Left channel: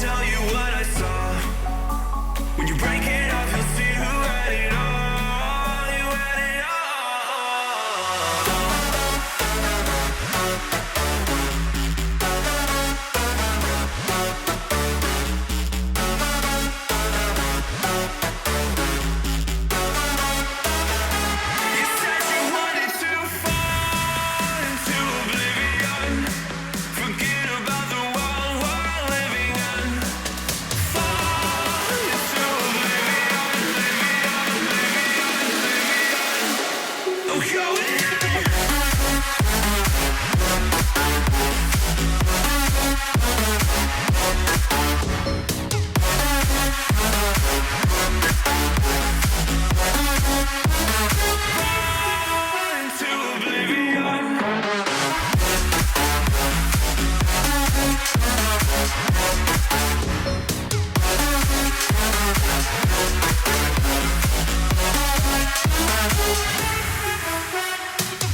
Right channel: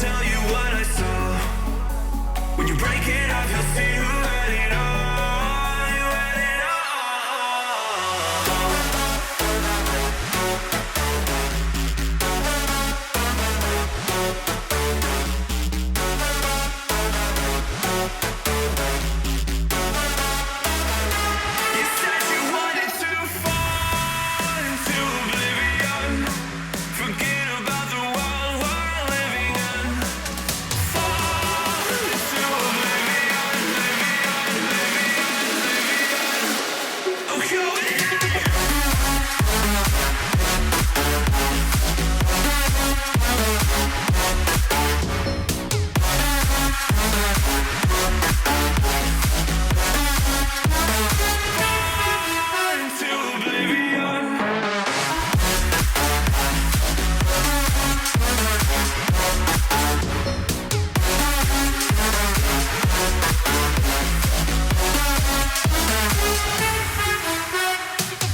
tell you what I saw. When you break it up, you'll see who had it all. You had it all. You said you wanted to fall into oblivion. Forget about the world we're living in. Fall into oblivion, oblivion, oblivion, oblivion. Oh, going fall into oblivion.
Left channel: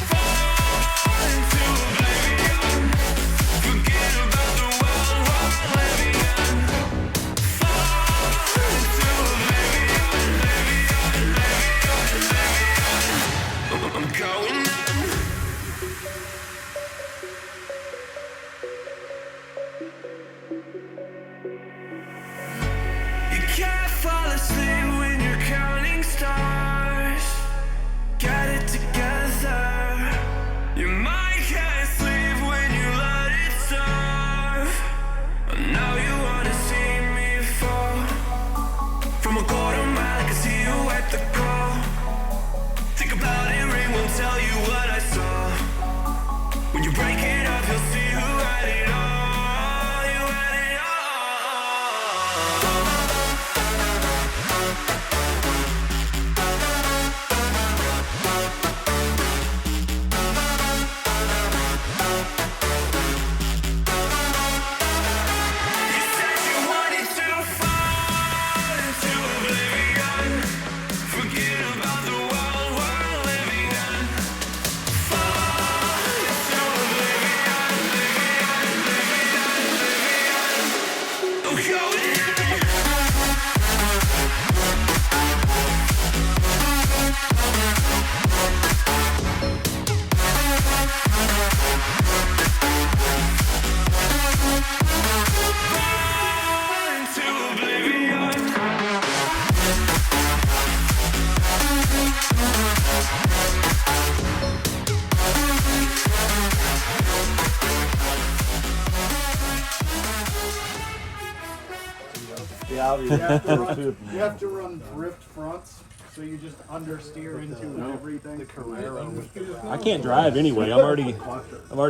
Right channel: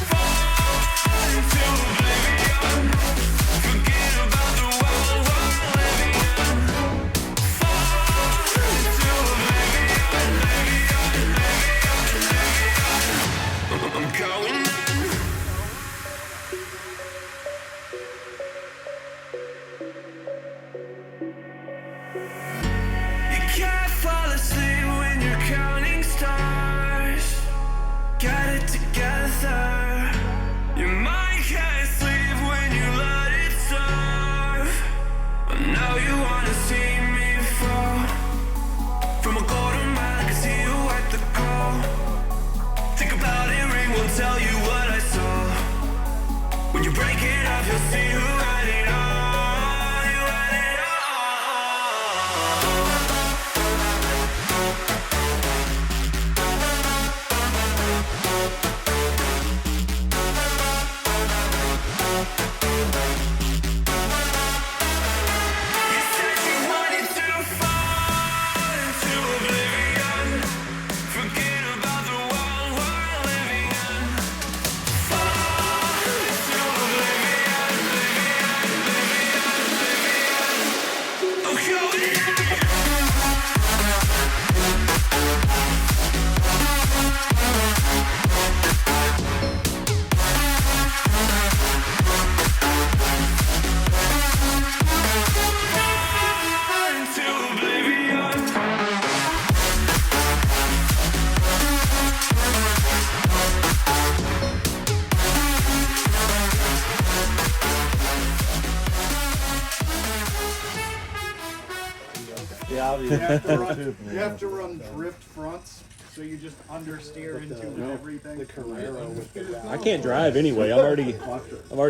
Fall into oblivion. Forget about the world we're living in. Fall into oblivion, oblivion, oblivion, oblivion. I'm going in. You can't fall asleep when you're counting stars. Get it together. Your mind can't sleep when you let it serve. But now you wanna see me fall. From a quarter mile, I can see you at the call. Think about it, ring won't tell you what I saw. When you break it up, you'll see who had it all. You had it all. You said you wanted to fall into oblivion. Forget about the world we're living in. Fall into oblivion, oblivion, oblivion, oblivion. Oh, going in. Fall into oblivion. Yeah, You have to run drift fronts, so you just understeer into everything. I can't drive anyway. I've already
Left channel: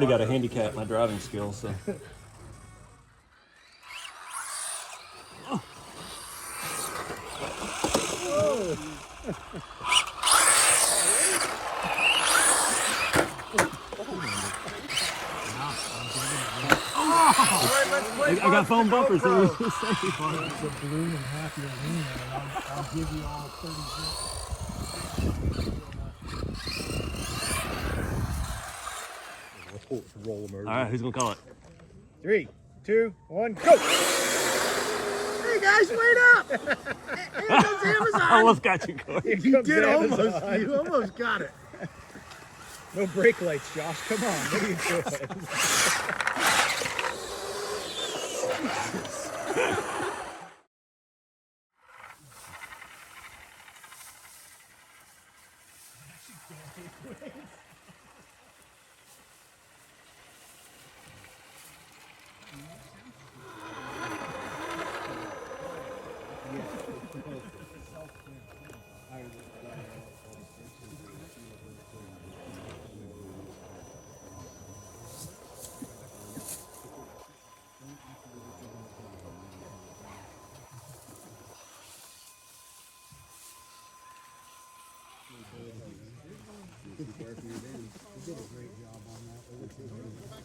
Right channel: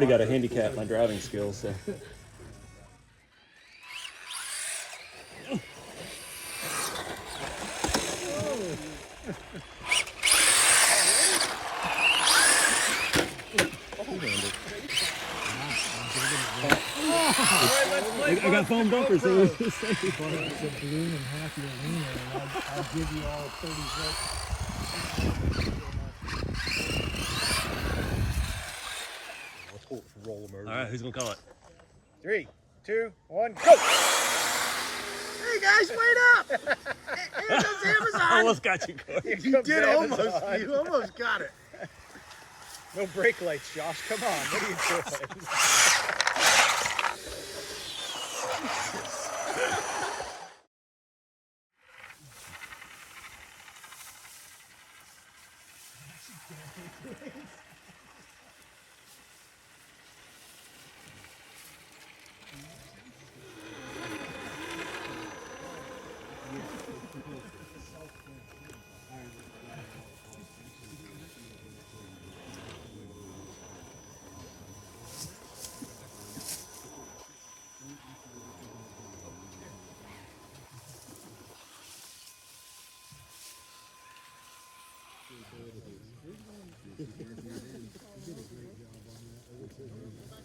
got a handicap in my driving skills. So. I got foam bumpers. So It's a balloon and half your aluminum, and I'll give you all 30 all right, who's gonna call it? 3, 2, 1, go! Hey guys, wait up! Here comes Amazon! I almost got you going. You did almost. You almost got it. No brake lights, Josh. Come on. What are you doing?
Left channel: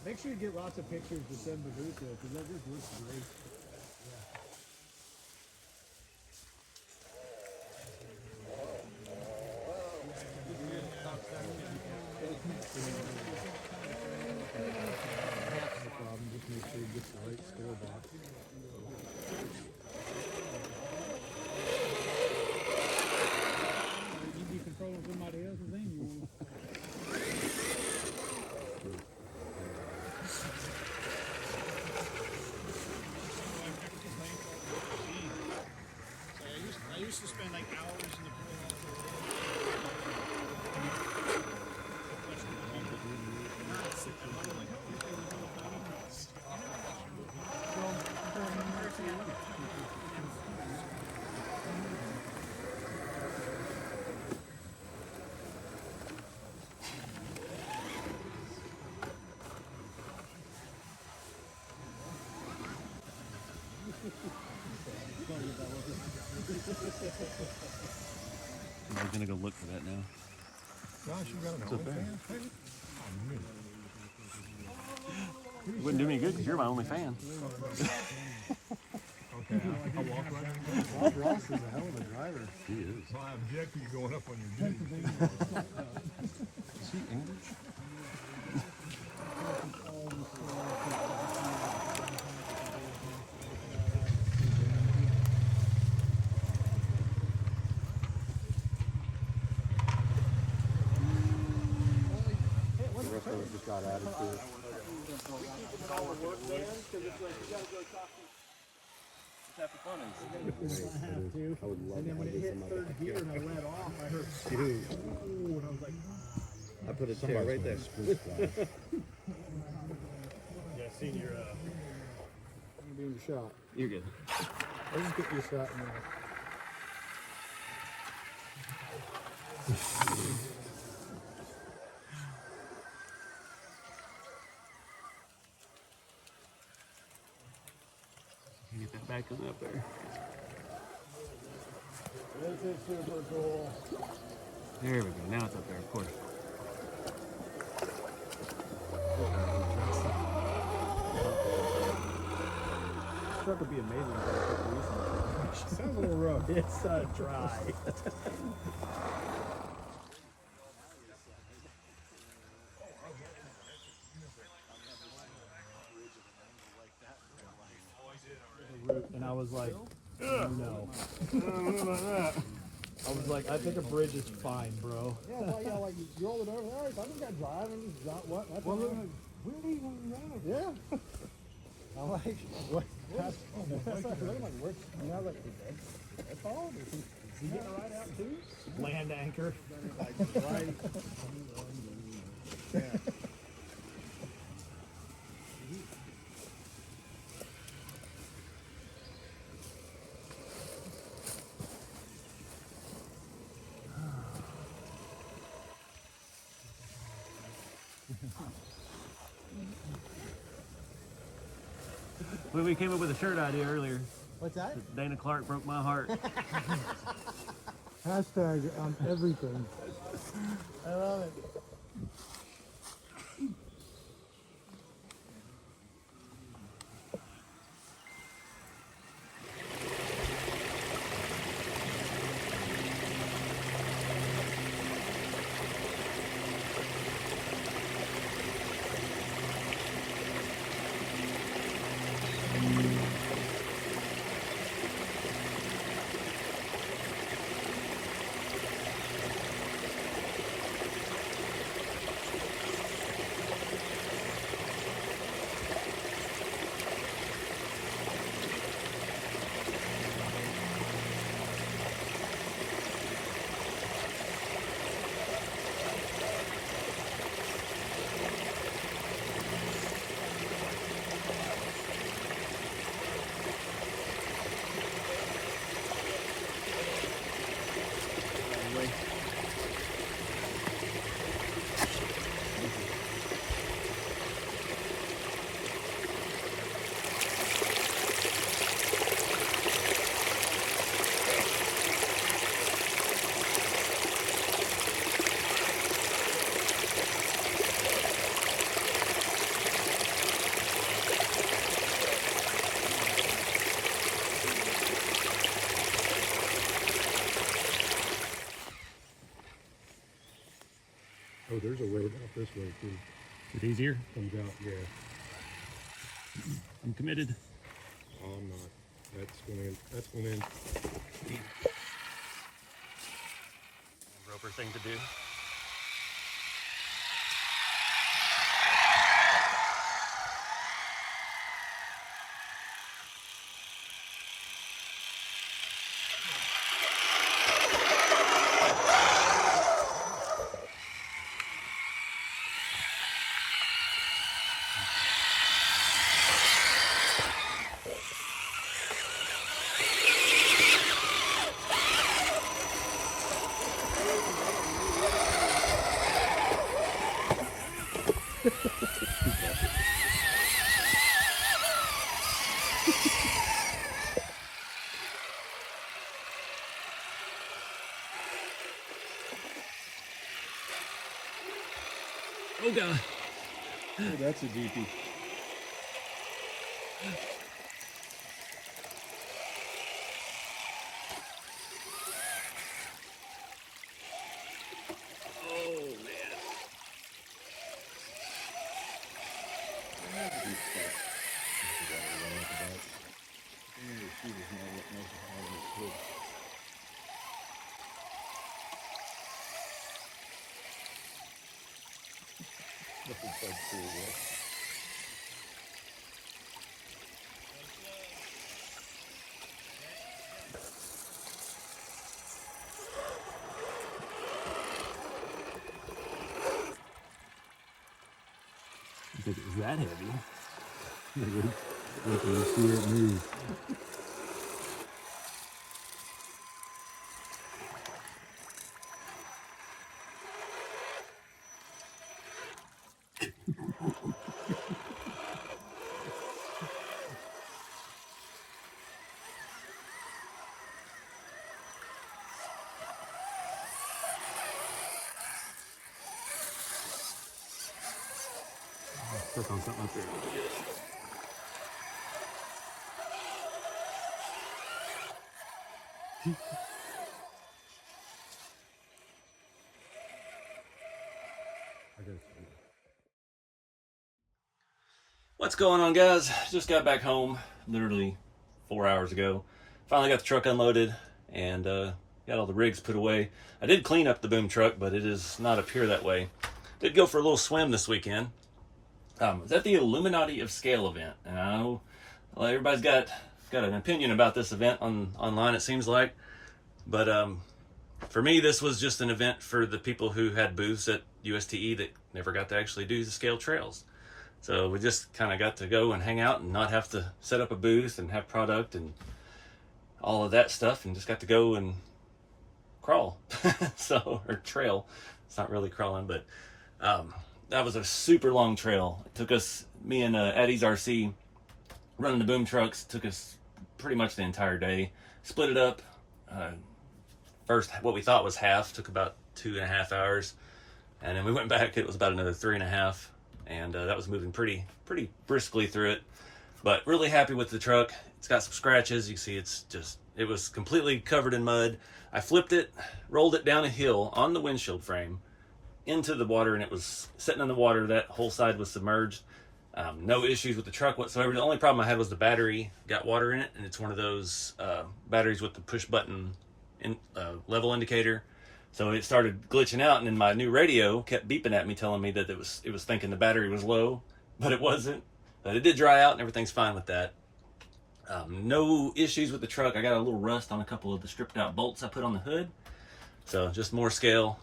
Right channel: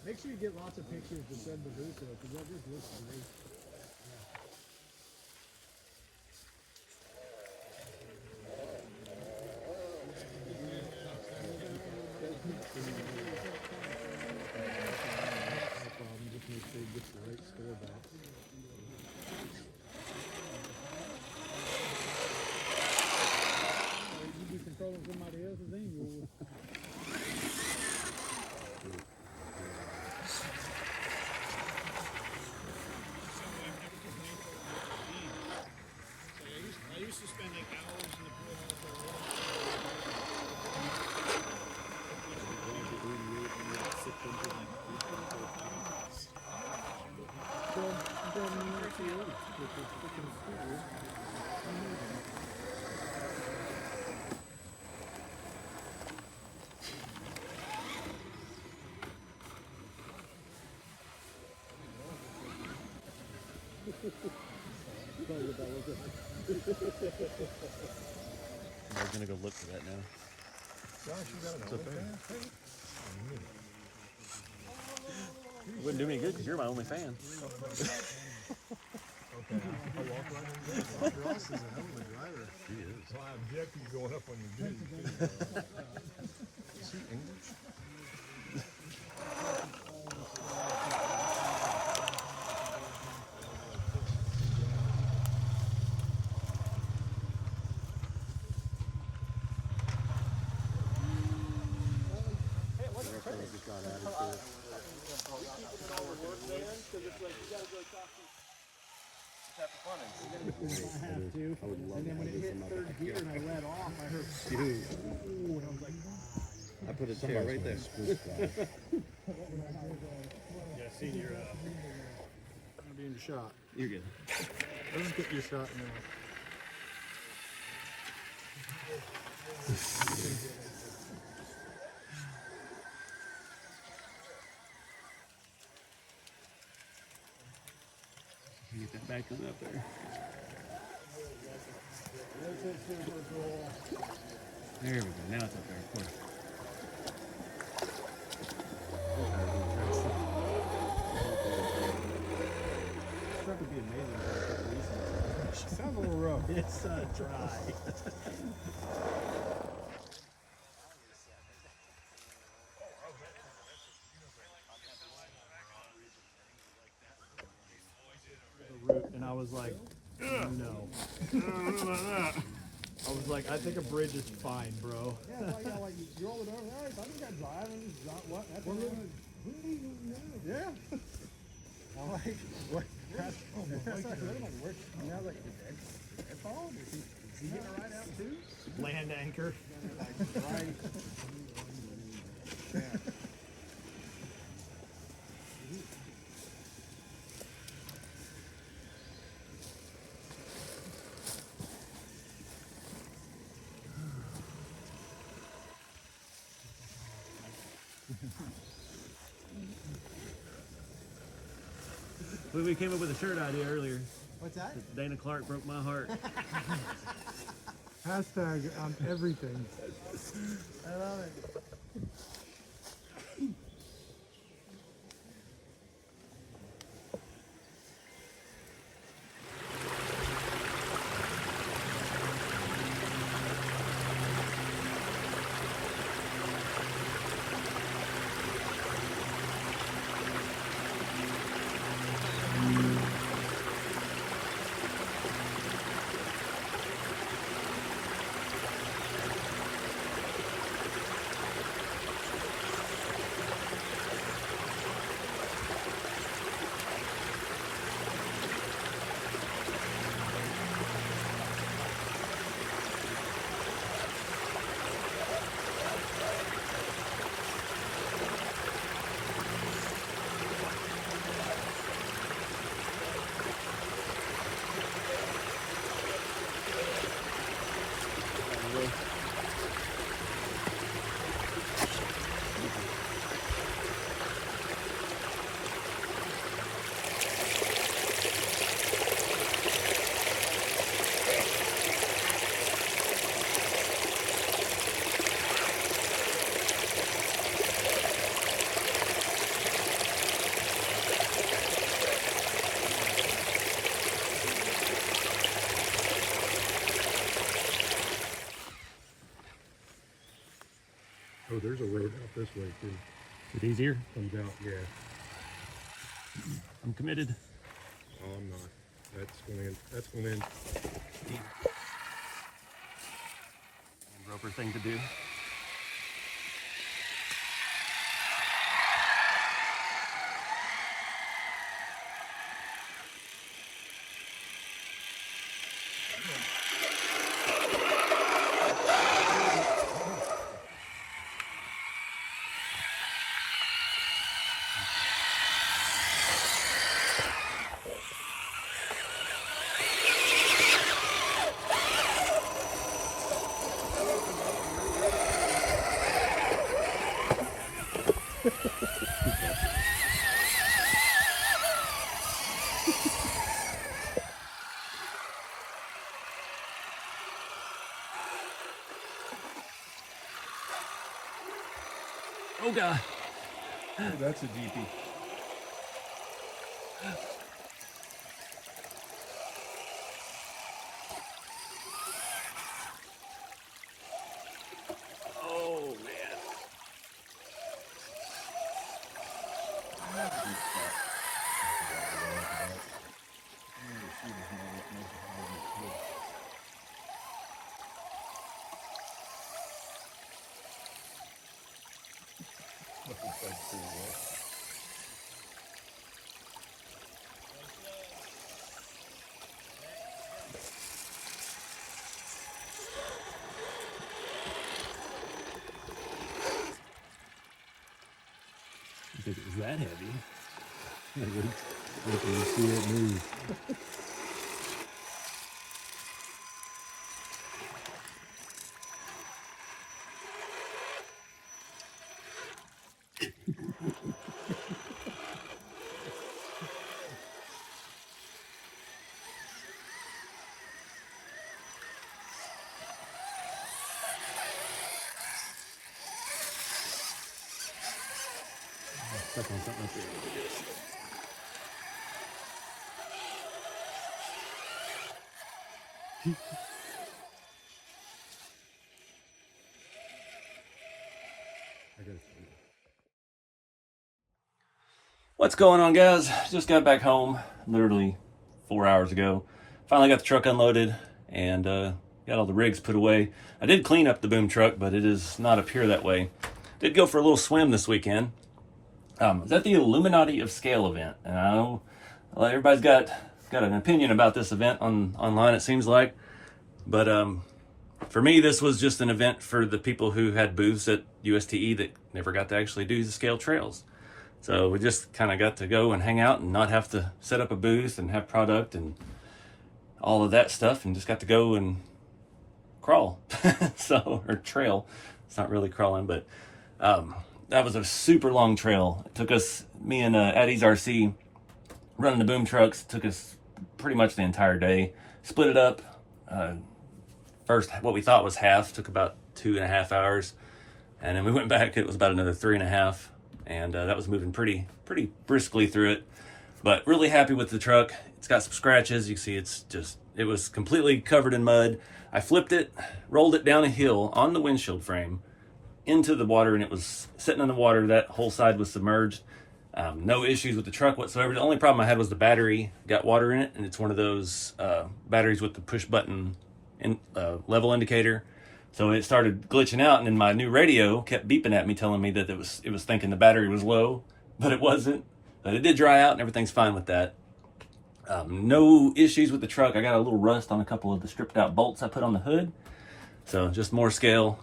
Make sure you get lots of pictures to send to Luca, because that just looks great. Just make sure you get the right score back. used to spend like hours in the I'm gonna go look for that now. It's up there. It wouldn't do me good because you're my only fan. Bob Ross is a hell of a driver. He is. Is he English? And then when it hit third gear and I let off, I heard, Dude, ooh, and I was like, I put a chair right there. Yeah, seen your. I'm doing a shot. You're good. I'll just get your shot in there. Get that back up there. This is super cool. There we go. Now it's up there, of course. This truck would be amazing if I put grease in it. Sounds a little rough. It's dry. And I was like, no. I was like, I think a bridge is fine, bro. Yeah, like you roll it over. Hey, if I think I drive and just not what? That's what really know. Yeah. I'm like, what? That's like, where? And I was like, that's all? Is he getting a ride out too? Land anchor. Right. Yeah. We came up with a shirt idea earlier. What's that? Dana Clark broke my heart. Hashtag on everything. I love it. Oh, there's a road out this way too. Is it easier? Comes out, yeah. I'm committed. Oh, I'm not. That's going in. That's going in. Roper thing to do. Oh God. Oh, that's a deepie. Oh man. I think it was that heavy. You can see it move. Stuck on something up there. What's going on, guys? Just got back home literally 4 hours ago. Finally got the truck unloaded and got all the rigs put away. I did clean up the boom truck, but it does not appear that way. Did go for a little swim this weekend. I was at the Illuminati of Scale event, and I know everybody's got an opinion about this event online, it seems like. But for me, this was just an event for the people who had booths at USTE that never got to actually do the scale trails. So we just kind of got to go and hang out and not have to set up a booth and have product and all of that stuff, and just got to go and crawl. Or trail. It's not really crawling, but that was a super long trail. It took us, me and Addie's RC, running the boom trucks, took us pretty much the entire day. Split it up. First, what we thought was half, took about 2.5 hours. And then we went back, it was about another 3.5. And that was moving pretty briskly through it. But really happy with the truck. It's got some scratches. You see it was completely covered in mud. I flipped it, rolled it down a hill on the windshield frame into the water, and it was sitting in the water. That whole side was submerged. No issues with the truck whatsoever. The only problem I had was the battery got water in it, and it's one of those batteries with the push button level indicator. So it started glitching out, and then my new radio kept beeping at me, telling me that it was thinking the battery was low, but it wasn't. But it did dry out, and everything's fine with that. No issues with the truck. I got a little rust on a couple of the stripped out bolts I put on the hood. So just more scale.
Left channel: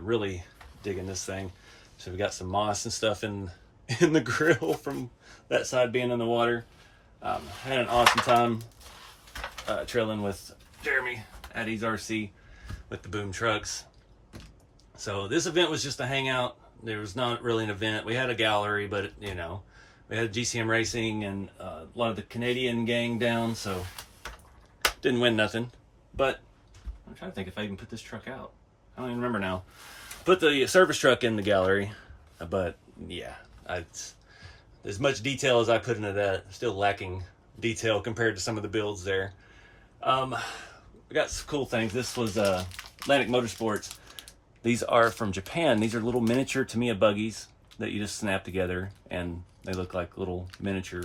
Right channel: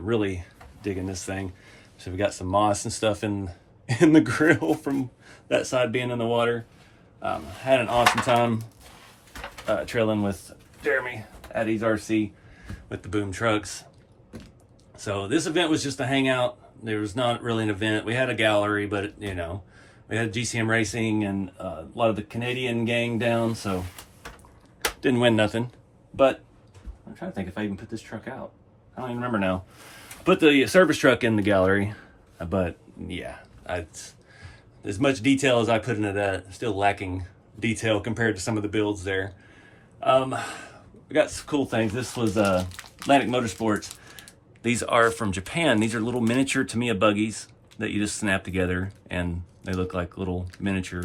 Really digging this thing. So we got some moss and stuff in the grill from that side being in the water. Had an awesome time trailing with Jeremy at Addie's RC with the boom trucks. So this event was just a hangout. There was not really an event. We had a gallery, but we had GCM Racing and a lot of the Canadian gang down, so didn't win nothing. But I'm trying to think if I even put this truck out. I don't even remember now. Put the service truck in the gallery, but yeah, as much detail as I put into that, still lacking detail compared to some of the builds there. We got some cool things. This was Atlantic Motorsports. These are from Japan. These are little miniature Tamiya buggies that you just snap together, and they look like little miniature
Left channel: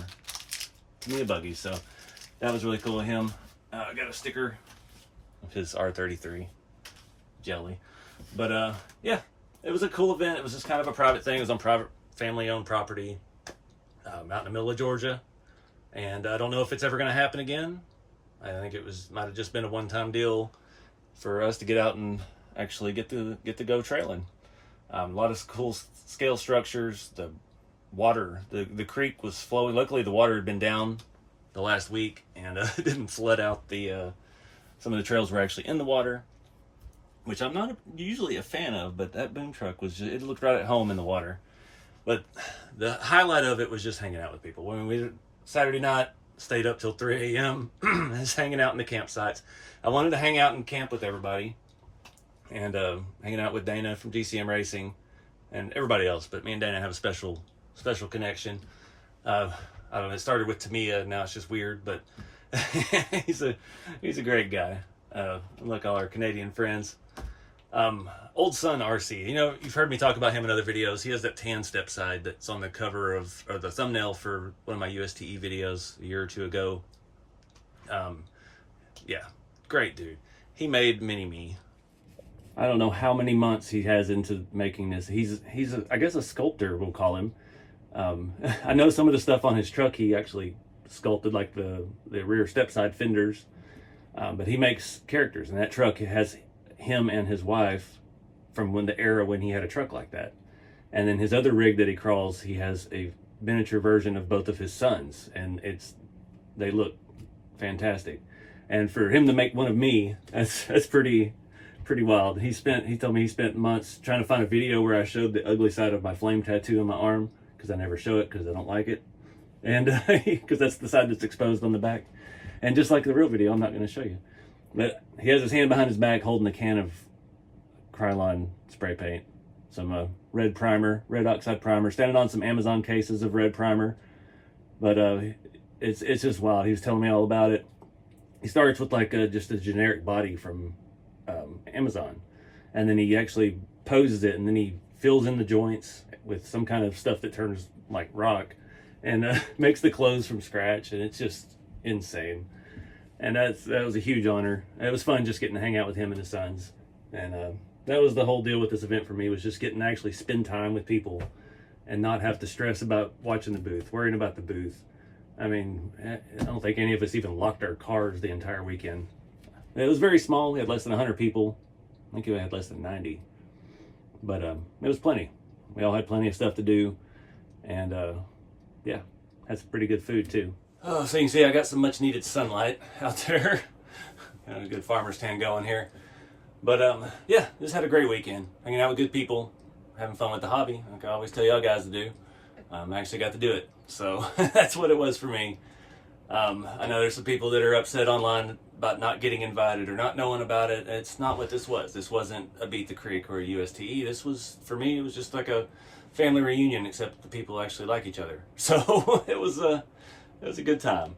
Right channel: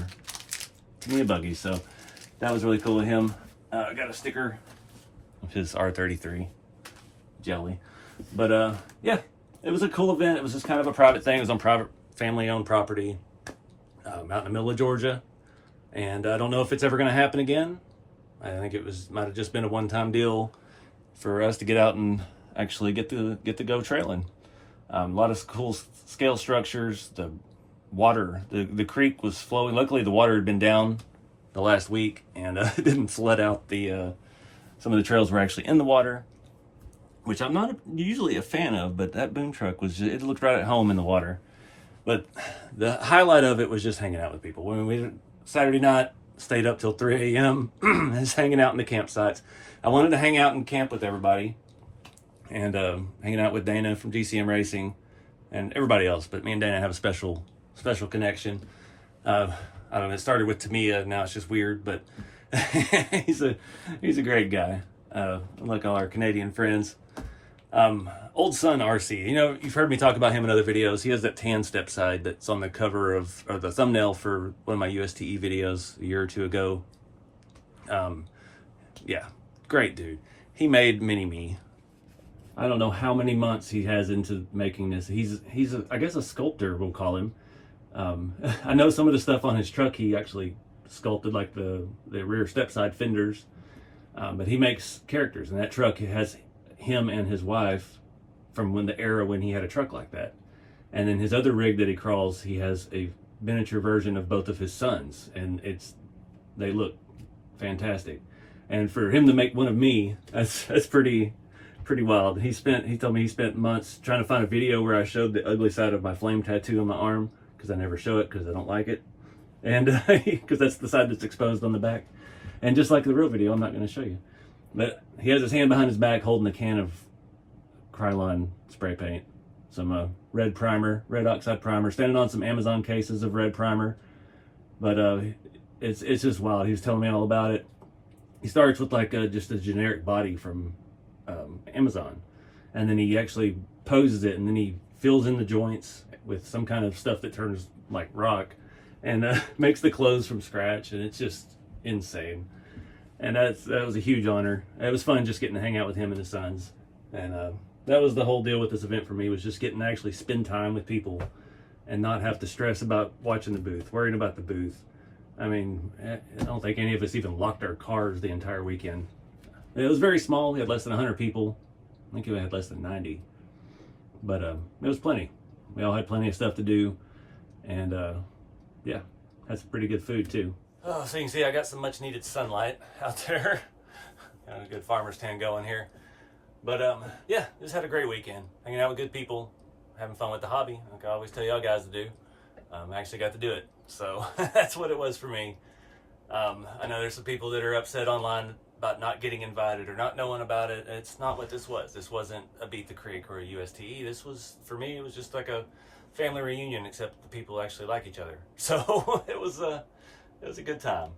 Tamiya buggies. So that was really cool of him. I got a sticker, which is R33 jelly. But yeah, it was a cool event. It was just kind of a private thing. It was on private, family-owned property out in the middle of Georgia. And I don't know if it's ever going to happen again. I think might have just been a one-time deal for us to get out and actually get to go trailing. A lot of cool scale structures. The water, the creek was flowing. Luckily, the water had been down the last week, and it didn't flood out some of the trails were actually in the water, which I'm not usually a fan of, but that boom truck it looked right at home in the water. But the highlight of it was just hanging out with people. When we Saturday night, stayed up till 3 a.m. just hanging out in the campsites. I wanted to hang out and camp with everybody, and hanging out with Dana from GCM Racing, and everybody else, but me and Dana have a special connection. I don't know, it started with Tamiya, now it's just weird, but he's a great guy. Like all our Canadian friends. Old son RC, you know, you've heard me talk about him in other videos. He has that tan step side that's on the cover of, or the thumbnail for one of my USTE videos a year or two ago. Yeah, great dude. He made Mini-Me. I don't know how many months he has into making this. He's I guess a sculptor, we'll call him. I know some of the stuff on his truck he actually sculpted, like the rear step side fenders. But he makes characters, and that truck has him and his wife from the era when he had a truck like that. And then his other rig that he crawls, he has a miniature version of both of his sons, and they look fantastic. And for him to make one of me, that's pretty wild. He told me he spent months trying to find a video where I showed the ugly side of my flame tattoo on my arm, because I never show it because I don't like it, and because that's the side that's exposed on the back. And just like the real video, I'm not going to show you, but he has his hand behind his back holding a can of Krylon spray paint, some red primer, red oxide primer, standing on some Amazon cases of red primer. But it's just wild. He was telling me all about it. He starts with like just a generic body from Amazon, and then he actually poses it, and then he fills in the joints with some kind of stuff that turns like rock, and makes the clothes from scratch, and it's just insane. And that was a huge honor. It was fun just getting to hang out with him and his sons, and that was the whole deal with this event for me, was just getting to actually spend time with people and not have to stress about watching the booth, worrying about the booth. I mean, I don't think any of us even locked our cars the entire weekend. It was very small. We had less than 100 people. I think we had less than 90, but it was plenty. We all had plenty of stuff to do, and yeah, had some pretty good food too. Oh, so you can see I got some much needed sunlight out there. Got a good farmer's tan going here. But yeah, just had a great weekend. Hanging out with good people, having fun with the hobby, like I always tell y'all guys to do. I actually got to do it. So that's what it was for me. I know there's some people that are upset online about not getting invited or not knowing about it. It's not what this was. This wasn't a Beat the Creek or a USTE. This was, for me, it was just like a family reunion, except the people actually like each other. So it was a good time.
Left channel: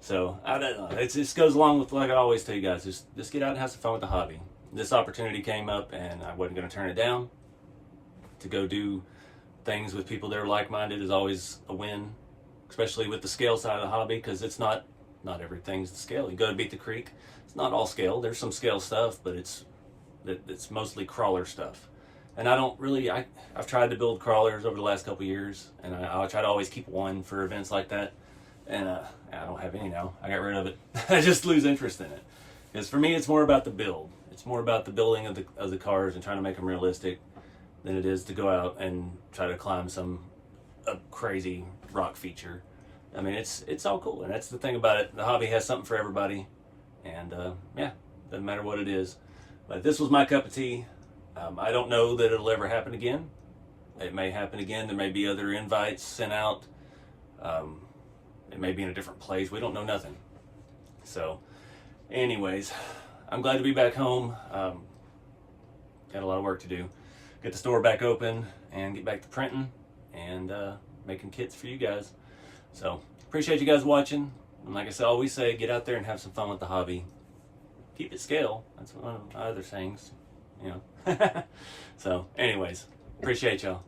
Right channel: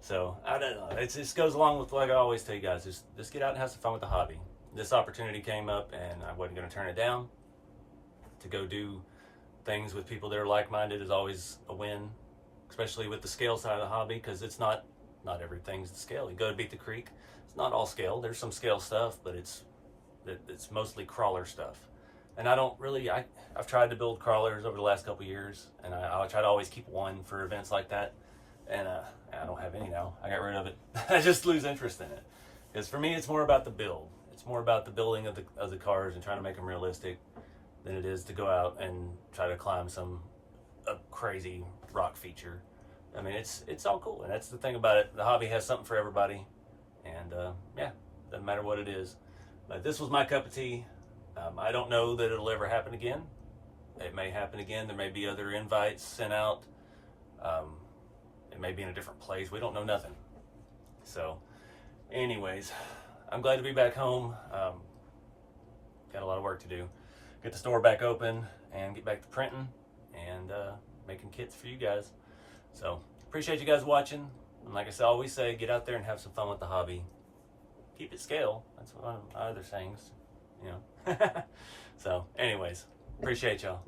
So I don't know. It just goes along with, like I always tell you guys, just get out and have some fun with the hobby. This opportunity came up, and I wasn't going to turn it down. To go do things with people that are like-minded is always a win, especially with the scale side of the hobby, because it's not everything's the scale. You go to Beat the Creek, it's not all scale. There's some scale stuff, but it's mostly crawler stuff. And I don't really, I've tried to build crawlers over the last couple years, and I try to always keep one for events like that. And I don't have any now. I got rid of it. I just lose interest in it. Because for me, it's more about the build. It's more about the building of the cars and trying to make them realistic than it is to go out and try to climb a crazy rock feature. I mean, it's all cool, and that's the thing about it. The hobby has something for everybody, and yeah, doesn't matter what it is. But this was my cup of tea. I don't know that it'll ever happen again. It may happen again. There may be other invites sent out. It may be in a different place. We don't know nothing. So, anyways, I'm glad to be back home. Got a lot of work to do. Get the store back open and get back to printing and making kits for you guys. So, appreciate you guys watching. And like I always say, get out there and have some fun with the hobby. Keep it scale. That's one of my other sayings, you know. So, anyways, appreciate y'all.